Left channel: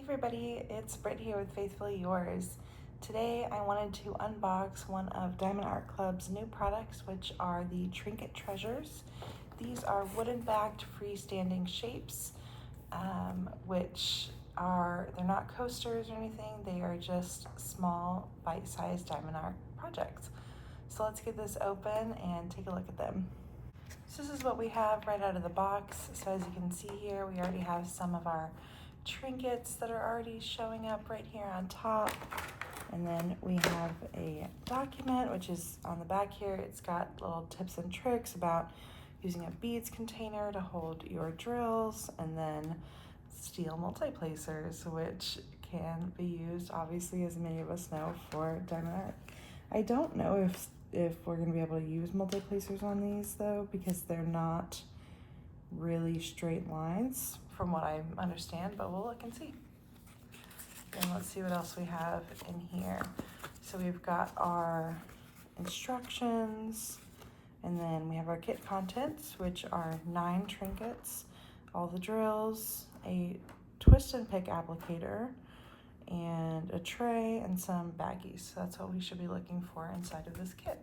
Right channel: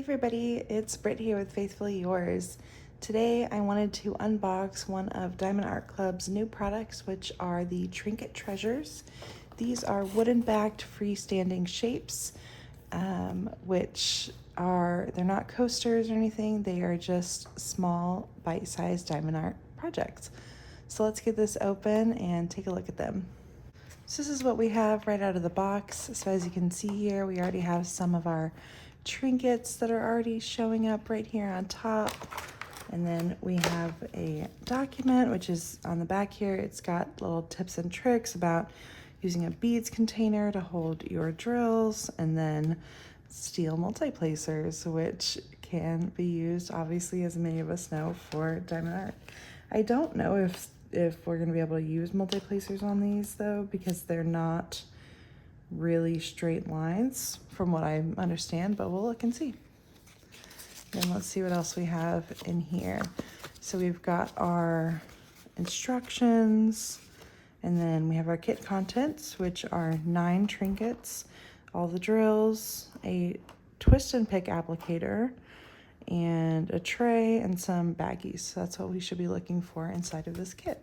Hey everybody, it's Britt here with FaithfuLee Yours. Today I wanted to unbox one of Diamond Art Club's new products, which are the Trinket Treasures. These are wooden-backed freestanding shapes, they're not coasters or anything, they are just small, bite-sized diamond art projects. So let's get this open and take a look at them. So this is what we have right out of the box. So as you can see here, we already have some of our trinkets that are already showing up right here on top. And then we have a document, which is on the back here. It's got little tips and tricks about using a beads container to hold your drills, and then steel multi-placers, which can be used, obviously, as many of us know, for diamond art. I don't know if we're gonna be able to use multi-placers on these though, because they're not really straight lines from what I understand, but we'll look and see. And let's see what else we have in here. So we've got our instructions, and then we have our kit contents, which are 9 trinkets, all the drills, a twist and pick applicator, and a tray, and some baggies. So that's what we should be looking for inside of this kit.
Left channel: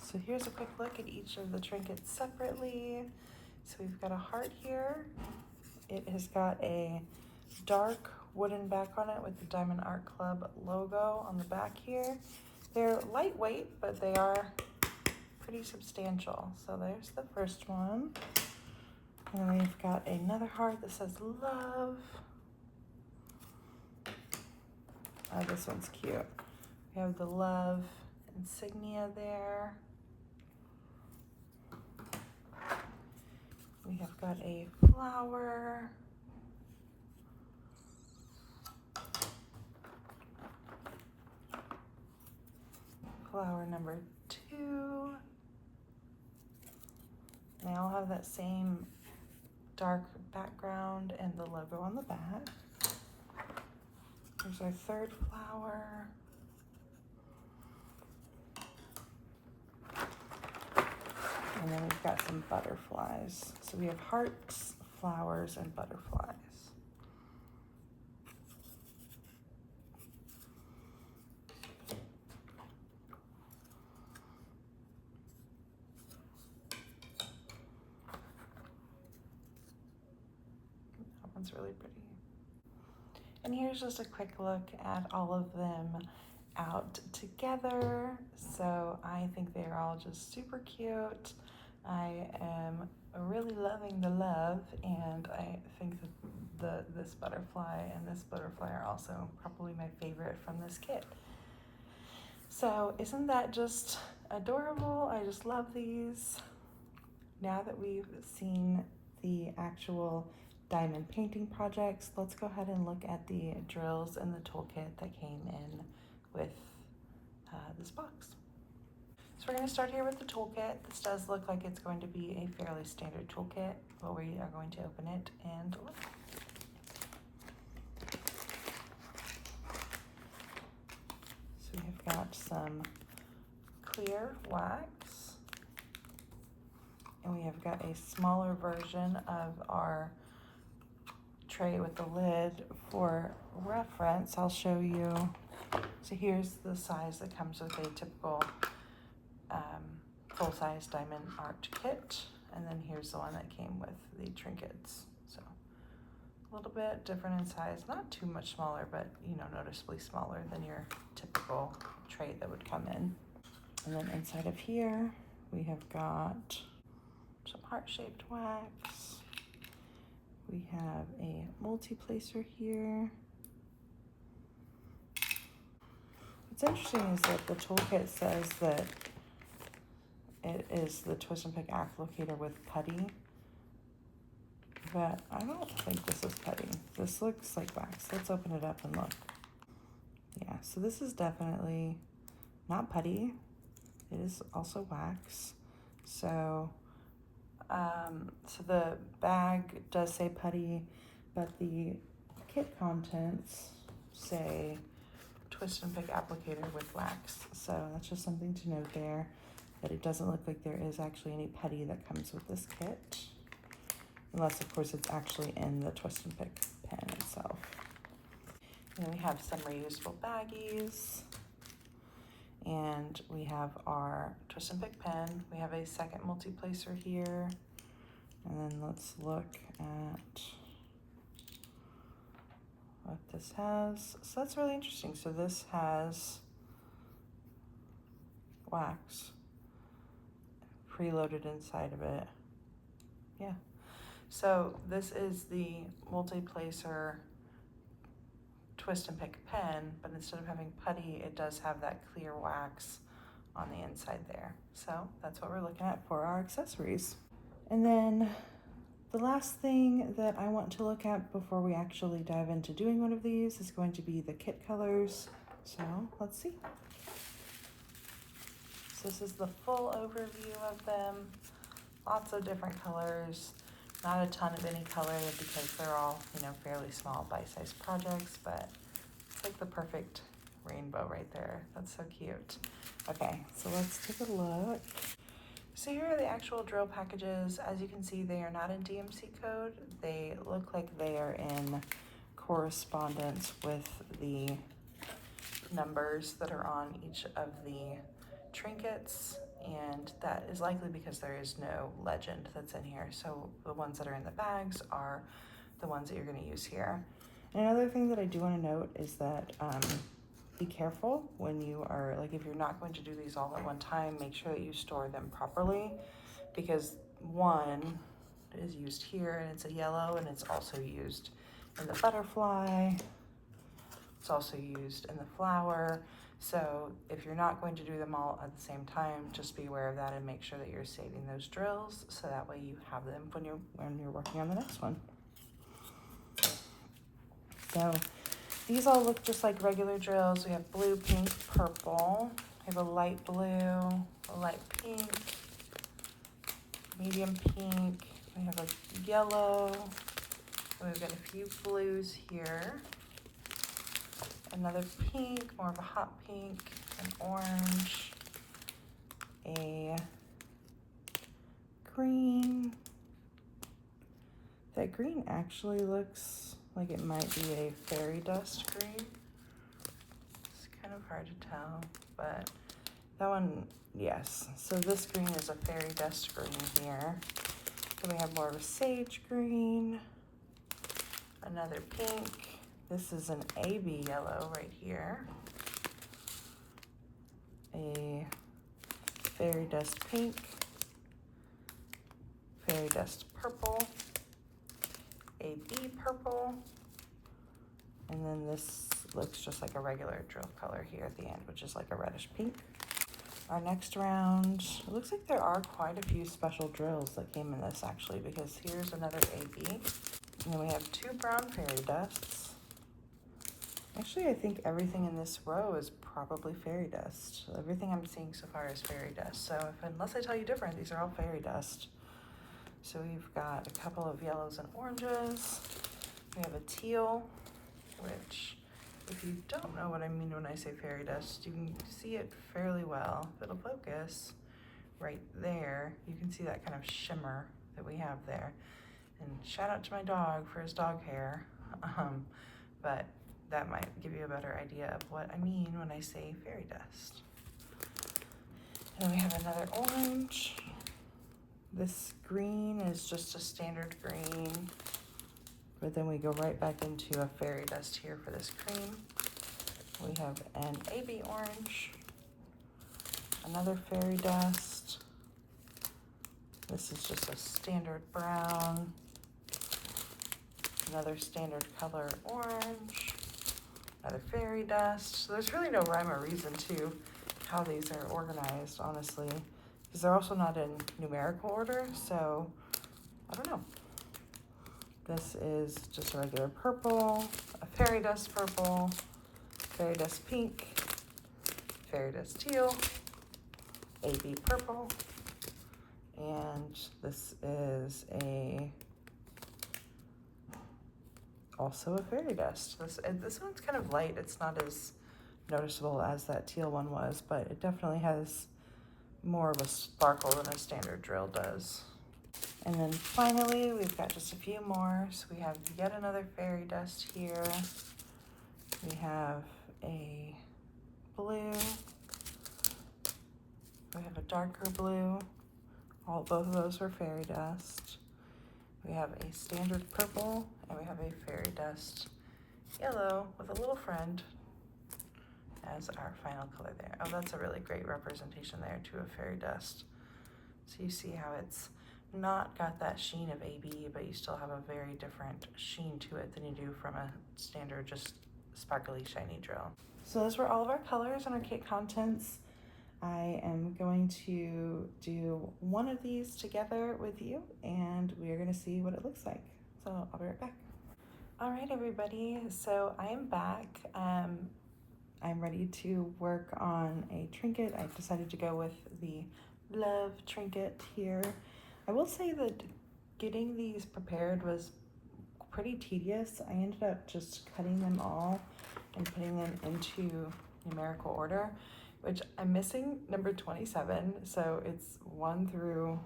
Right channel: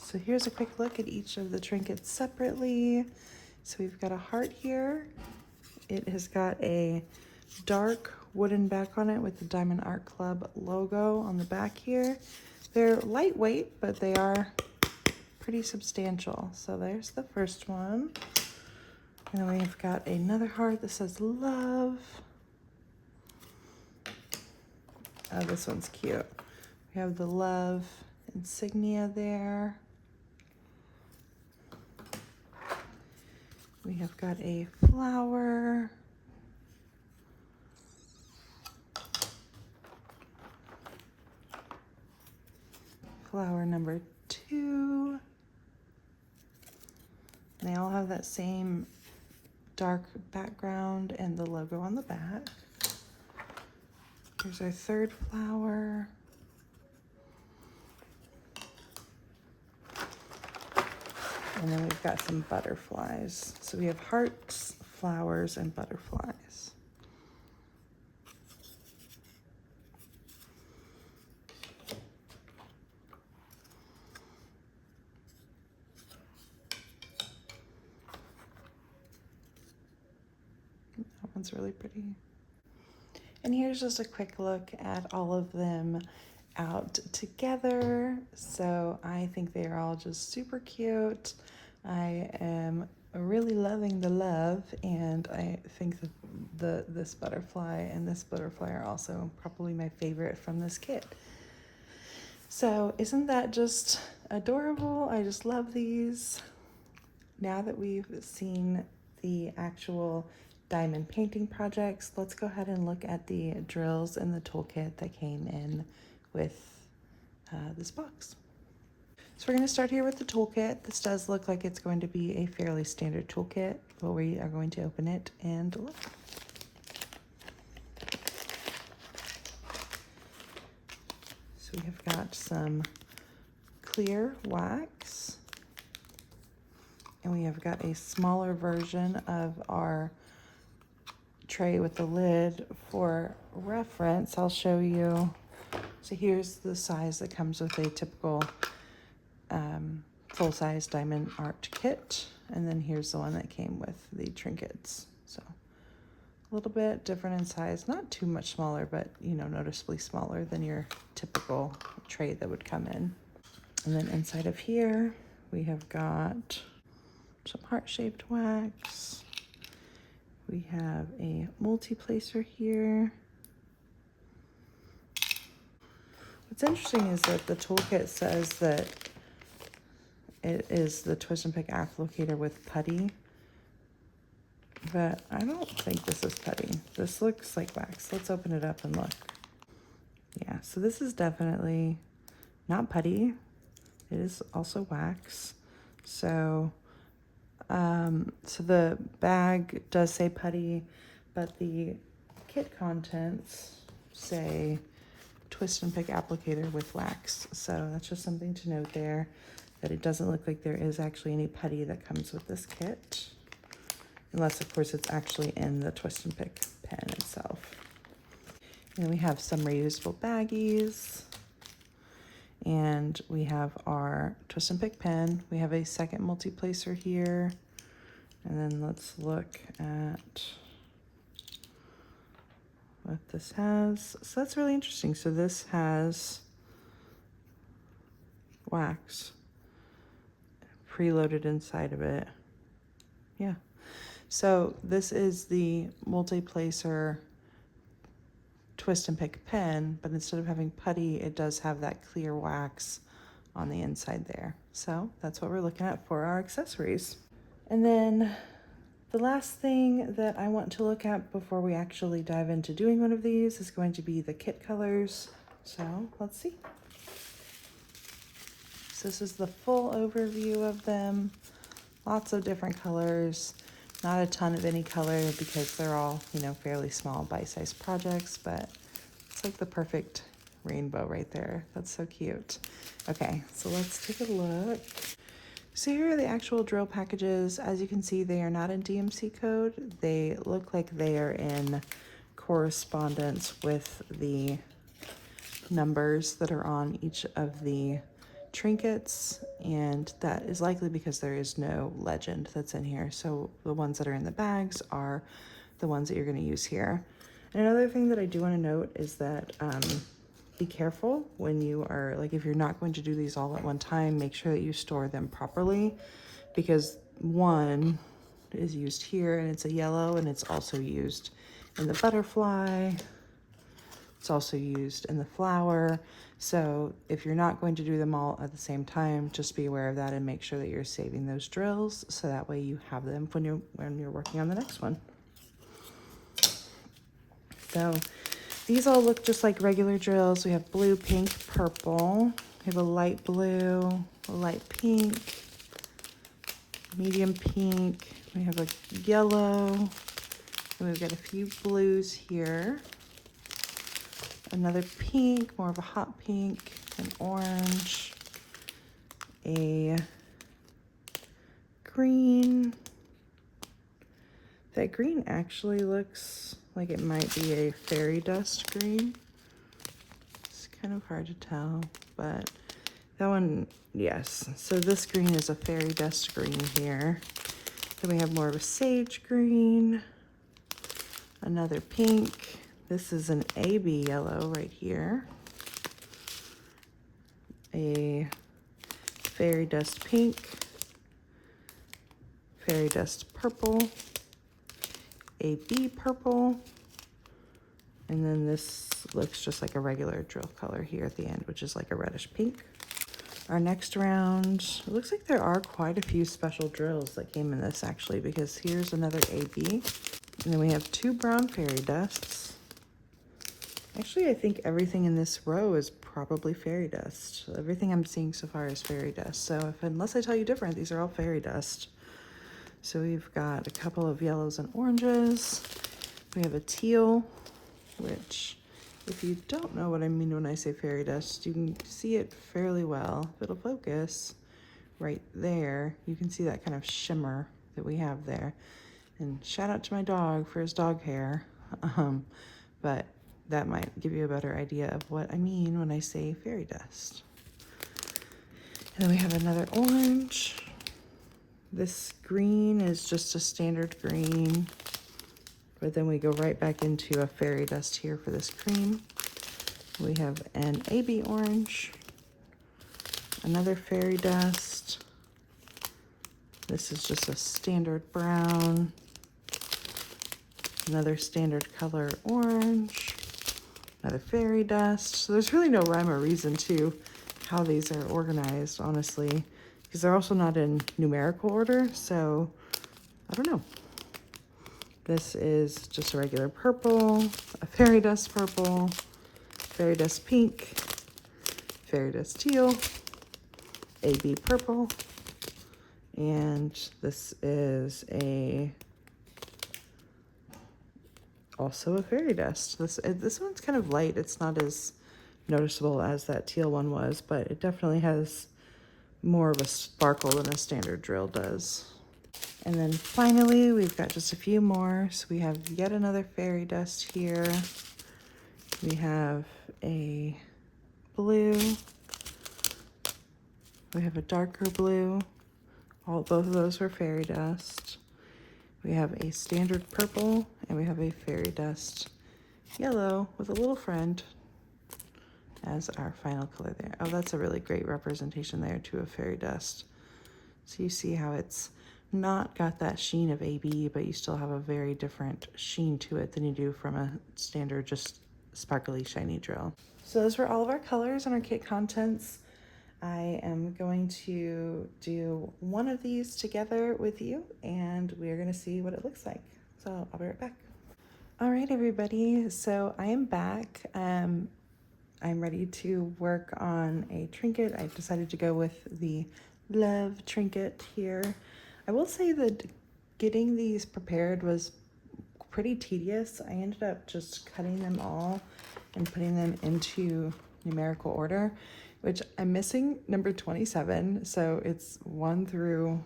So here's a quick look at each of the trinkets separately. So we've got a heart here. It has got a dark wooden back on it with the Diamond Art Club logo on the back here. They're lightweight, but they are pretty substantial. So there's the first one. And then we've got another heart that says love. Oh, this one's cute. We have the love insignia there. We have got a flower. Flower number 2. And they all have that same dark background and the logo on the back. Here's our third flower. And then we've got some butterflies. So we have hearts, flowers, and butterflies. That one's really pretty. And here's just a quick look at all of them out together. So I think they are all just super cute. I am really loving the love, and I think that this butterfly and this butterfly are also probably my favorite from this kit. So isn't that just adorable? I just love these. Now that we've seen the actual diamond painting projects, let's go ahead and look at the drills and the toolkit that came in with this box. So we're going to start here with the toolkit. This does look like it's going to be a fairly standard toolkit, but we are going to open it and look. So we have got some clear wax, and we have got a smaller version of our tray with the lid. For reference, I'll show you. So here's the size that comes with a typical full-size diamond art kit, and then here's the one that came with the trinkets. So a little bit different in size, not too much smaller, but you know, noticeably smaller than your typical tray that would come in. And then inside of here we have got some heart-shaped wax. We have a multi-placer here. What's interesting is that the toolkit says that it is the twist and pick applicator with putty, but I don't think this is putty. This looks like wax. Let's open it up and look. Yeah, so this is definitely not putty. It is also wax. So, so the bag does say putty, but the kit contents say twist and pick applicator with wax. So that's just something to note there, that it doesn't look like there is actually any putty that comes with this kit, unless of course it's actually in the twist and pick pen. pen itself. And we have some reusable baggies. And we have our twist and pick pen. We have a second multi-placer here. And then let's look at what this has. So that's really interesting. So this has wax preloaded inside of it. Yeah. So this is the multi-placer twist and pick pen, but instead of having putty, it does have that clear wax on the inside there. So that's what we're looking at for our accessories. And then the last thing that I want to look at before we actually dive into doing one of these is going to be the kit colors. So let's see. So this is the full overview of them. Lots of different colors. Not a ton of any color because they're all, you know, fairly small bite-sized projects, but it's like the perfect rainbow right there. That's so cute. Okay, so let's take a look. So here are the actual drill packages. As you can see, they are not in DMC code. They look like they are in correspondence with the numbers that are on each of the trinkets, and that is likely because there is no legend that's in here. So the ones that are in the bags are the ones that you're going to use here. And another thing that I do want to note is that be careful when you are, like, if you're not going to do these all at one time, make sure that you store them properly, because one is used here and it's a yellow, and it's also used in the butterfly. It's also used in the flower. So if you're not going to do them all at the same time, just be aware of that and make sure that you're saving those drills so that way you have them when you're working on the next one. So these all look just like regular drills. We have blue, pink, purple. We have a light blue, a light pink, medium pink. We have a yellow. We've got a few blues here. Another pink, more of a hot pink, an orange, a green. That green actually looks like it might be a fairy dust green. It's kind of hard to tell, but that one, yes. So this green is a fairy dust green here. Then we have more of a sage green, another pink. This is an AB yellow right here. A fairy dust pink, fairy dust purple, AB purple, and then this looks just like a regular drill color here at the end, which is like a reddish pink. Our next round, it looks like there are quite a few special drills that came in this actually, because here's another AB. And then we have two brown fairy dusts. Actually, I think everything in this row is probably fairy dust. Everything I'm seeing so far is fairy dust. So unless I tell you different, these are all fairy dust. So we've got a couple of yellows and oranges. We have a teal, which, if you don't know what I mean when I say fairy dust, you can see it fairly well. If it'll focus right there, you can see that kind of shimmer that we have there. And shout out to my dog for his dog hair. But that might give you a better idea of what I mean when I say fairy dust. And then we have another orange. This green is just a standard green, but then we go right back into a fairy dust here for this cream. We have an AB orange, another fairy dust. This is just a standard brown, another standard color orange, another fairy dust. So there's really no rhyme or reason to how these are organized, honestly, because they're also not in numerical order, so I don't know. This is just a regular purple, a fairy dust purple, fairy dust pink, fairy dust teal, AB purple, and this is also a fairy dust. This one's kind of light. It's not as noticeable as that teal one was, but it definitely has more of a sparkle than a standard drill does. And then finally, we've got just a few more. So we have yet another fairy dust here. We have a blue. We have a darker blue. Both of those were fairy dust. We have a standard purple, and we have a fairy dust yellow with a little friend as our final color there. Oh, that's a really great representation there too of fairy dust. So you see how it's not got that sheen of AB, but you still have a very different sheen to it than you do from a standard just sparkly shiny drill. So those were all of our colors and our kit contents. I am going to do one of these together with you, and we're going to see what it looks like. So I'll be right back. All right, everybody. So I am back. I'm ready to work on a trinket. I decided to go with the Love trinket here. I will say that getting these prepared was pretty tedious. I ended up just cutting them all and putting them into numerical order, which I'm missing number 27, so it's 1 through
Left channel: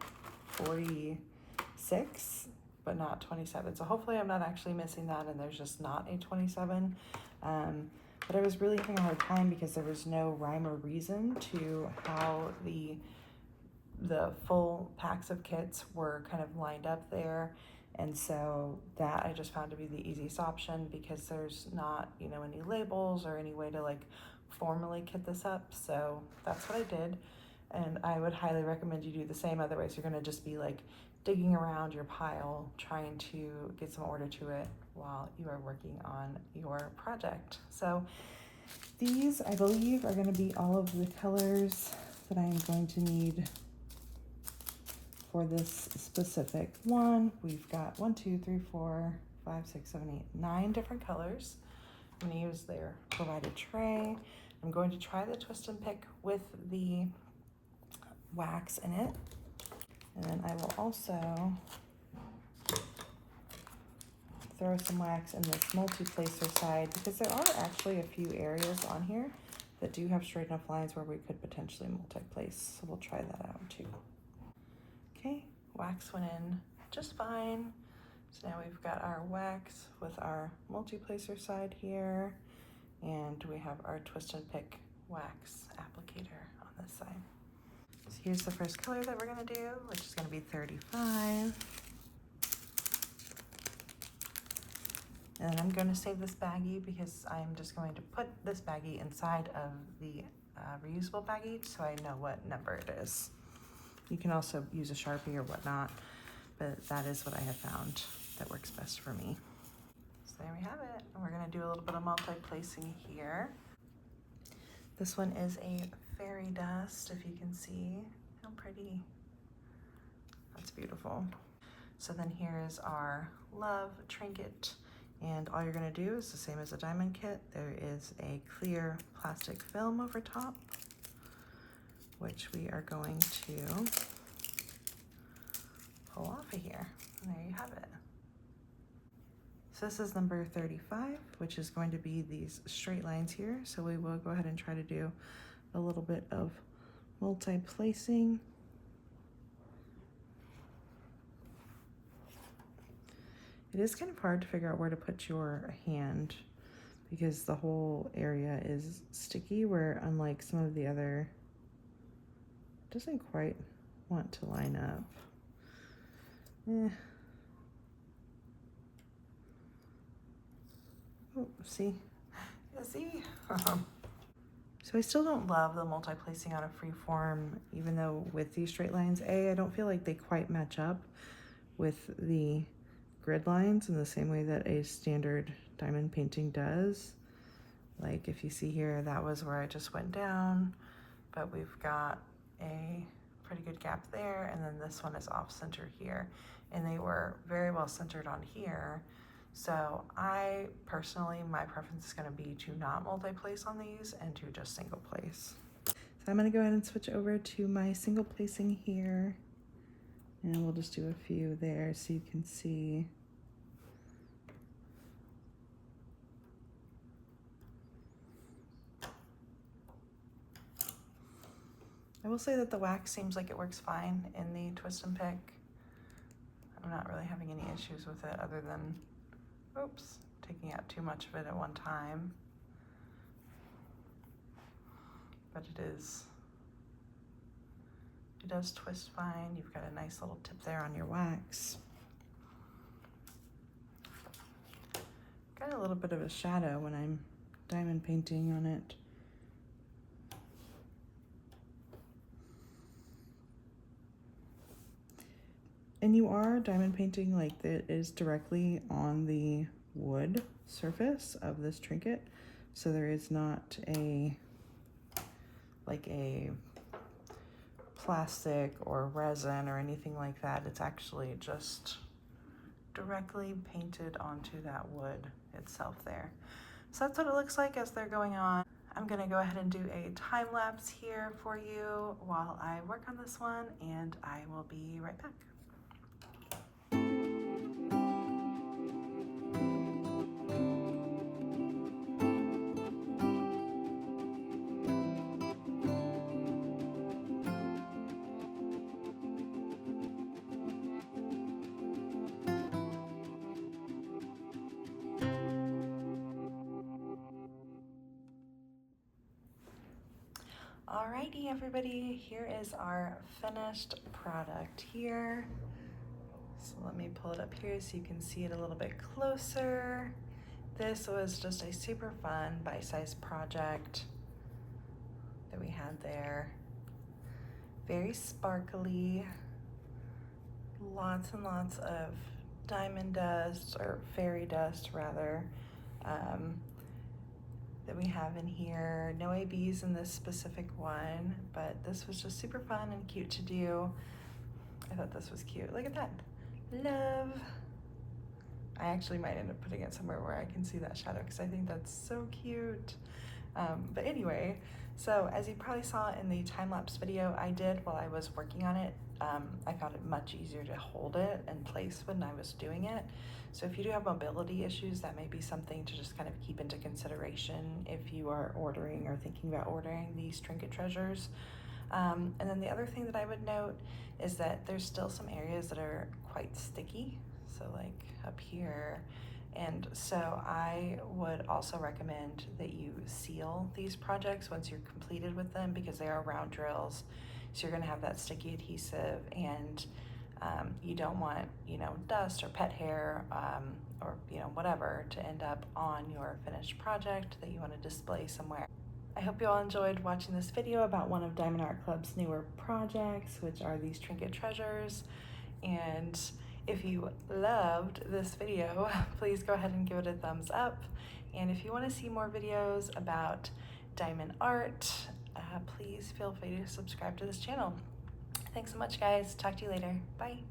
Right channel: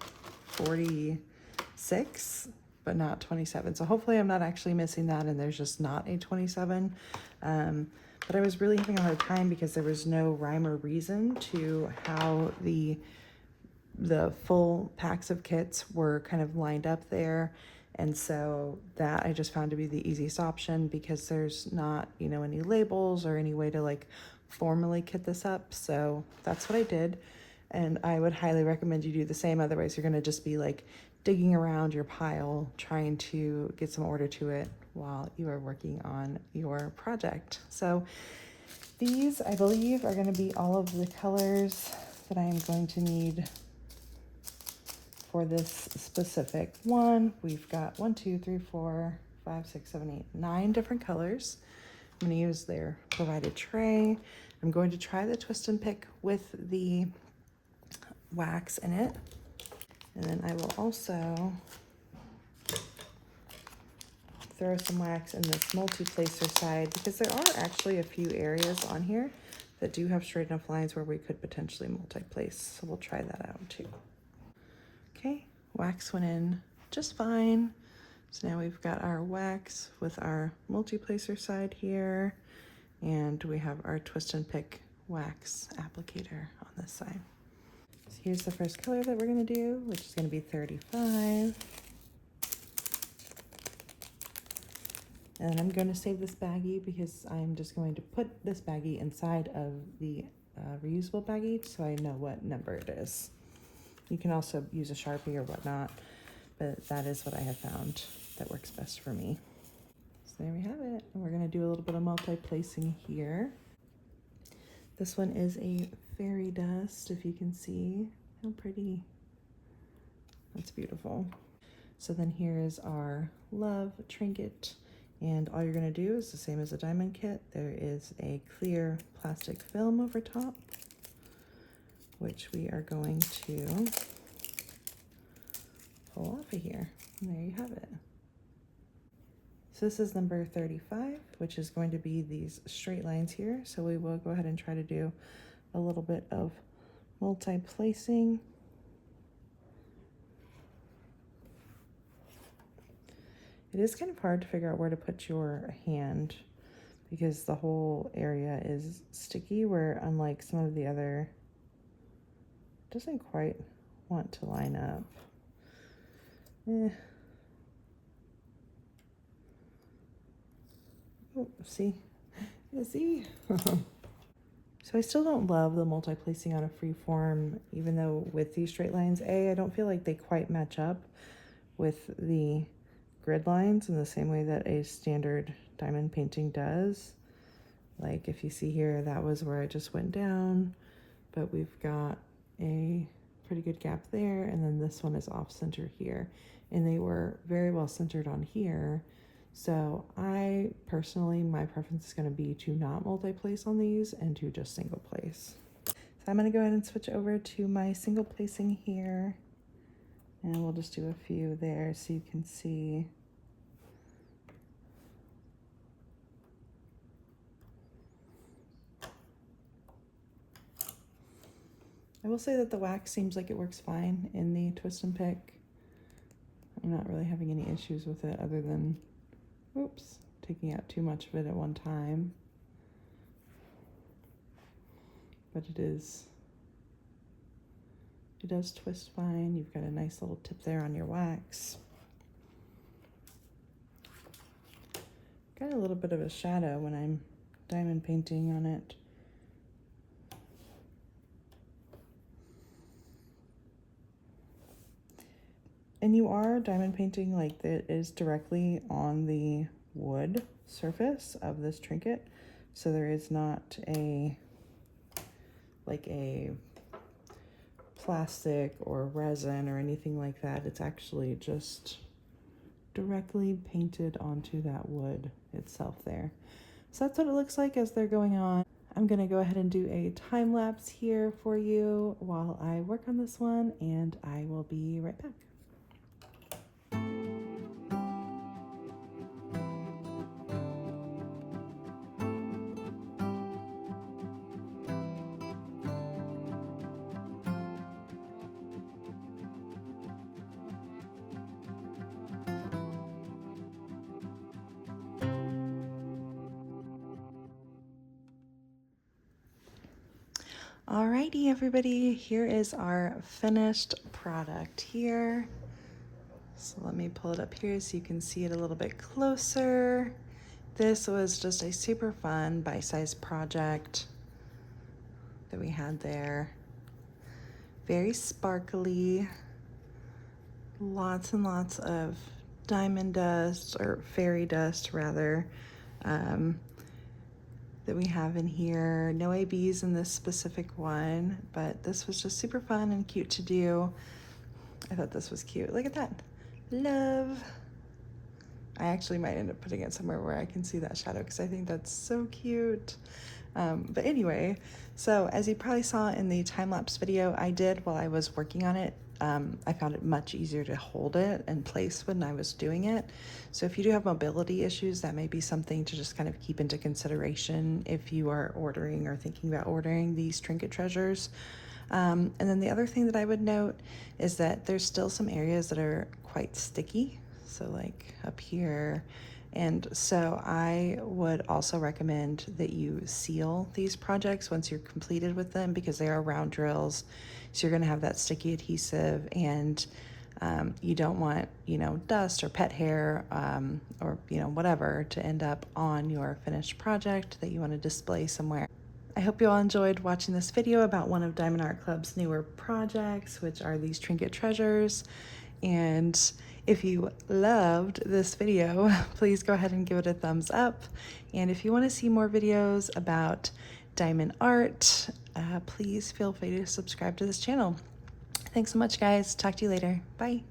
46, but not 27. So hopefully I'm not actually missing that and there's just not a 27. But I was really having a hard time because there was no rhyme or reason to how the full packs of kits were kind of lined up there. And so that I just found to be the easiest option because there's not, you know, any labels or any way to like formally kit this up. So that's what I did. And I would highly recommend you do the same. Otherwise you're gonna just be like digging around your pile, trying to get some order to it while you are working on your project. So these, I believe, are gonna be all of the colors that I'm going to need for this specific one. We've got 1, 2, 3, 4, 5, 6, 7, 8, 9 different colors. I'm gonna use their provided tray. I'm going to try the twist and pick with the wax in it. And then I will also throw some wax in this multi-placer side because there are actually a few areas on here that do have straight enough lines where we could potentially multi-place. So we'll try that out too. Okay, wax went in just fine. So now we've got our wax with our multi-placer side here, and we have our twist and pick wax applicator on this side. So here's the first color that we're gonna do, which is gonna be 35. And I'm gonna save this baggie because I'm just going to put this baggie inside of the reusable baggie so I know what number it is. You can also use a Sharpie or whatnot, but that is what I have found that works best for me. So there we have it. And we're gonna do a little bit of multi-placing here. This one is a fairy dust, if you can see how pretty. That's beautiful. So then here is our Love trinket. And all you're gonna do is the same as a diamond kit. There is a clear plastic film over top, which we are going to pull off of here. And there you have it. So this is number 35, which is going to be these straight lines here. So we will go ahead and try to do a little bit of multi-placing. It is kind of hard to figure out where to put your hand because the whole area is sticky, where unlike some of the other, it doesn't quite want to line up. Oh, see? Yeah, see? So I still don't love the multi-placing on a free form, even though with these straight lines, I don't feel like they quite match up with the grid lines in the same way that a standard diamond painting does. Like if you see here, that was where I just went down, but we've got a pretty good gap there, and then this one is off center here, and they were very well centered on here. So I personally, my preference is going to be to not multi-place on these and to just single place. So I'm going to go ahead and switch over to my single placing here, and we'll just do a few there so you can see. I will say that the wax seems like it works fine in the twist and pick. I'm not really having any issues with it other than, oops, taking out too much of it at one time. But it does twist fine. You've got a nice little tip there on your wax. Got a little bit of a shadow when I'm diamond painting on it. And you are diamond painting like that is directly on the wood surface of this trinket. So there is not like a plastic or resin or anything like that. It's actually just directly painted onto that wood itself there. So that's what it looks like as they're going on. I'm gonna go ahead and do a time lapse here for you while I work on this one, and I will be right back. Alrighty, everybody, here is our finished product here. So let me pull it up here so you can see it a little bit closer. This was just a super fun bite-sized project that we had there. Very sparkly, lots and lots of diamond dust, or fairy dust rather, that we have in here. No ABs in this specific one, but this was just super fun and cute to do. I thought this was cute. Look at that. Love. I actually might end up putting it somewhere where I can see that shadow because I think that's so cute. But anyway, so as you probably saw in the time-lapse video I did while I was working on it, I found it much easier to hold it in place when I was doing it. So if you do have mobility issues, that may be something to just kind of keep into consideration if you are ordering or thinking about ordering these Trinket Treasures. And then the other thing that I would note is that there's still some areas that are quite sticky. So like up here. And so I would also recommend that you seal these projects once you're completed with them, because they are round drills. So you're gonna have that sticky adhesive, and you don't want, dust or pet hair or, whatever to end up on your finished project that you wanna display somewhere. I hope you all enjoyed watching this video about one of Diamond Art Club's newer projects, which are these Trinket Treasures. And if you loved this video, please go ahead and give it a thumbs up. And if you want to see more videos about diamond art, please feel free to subscribe to this channel. Thanks so much, guys. Talk to you later. Bye.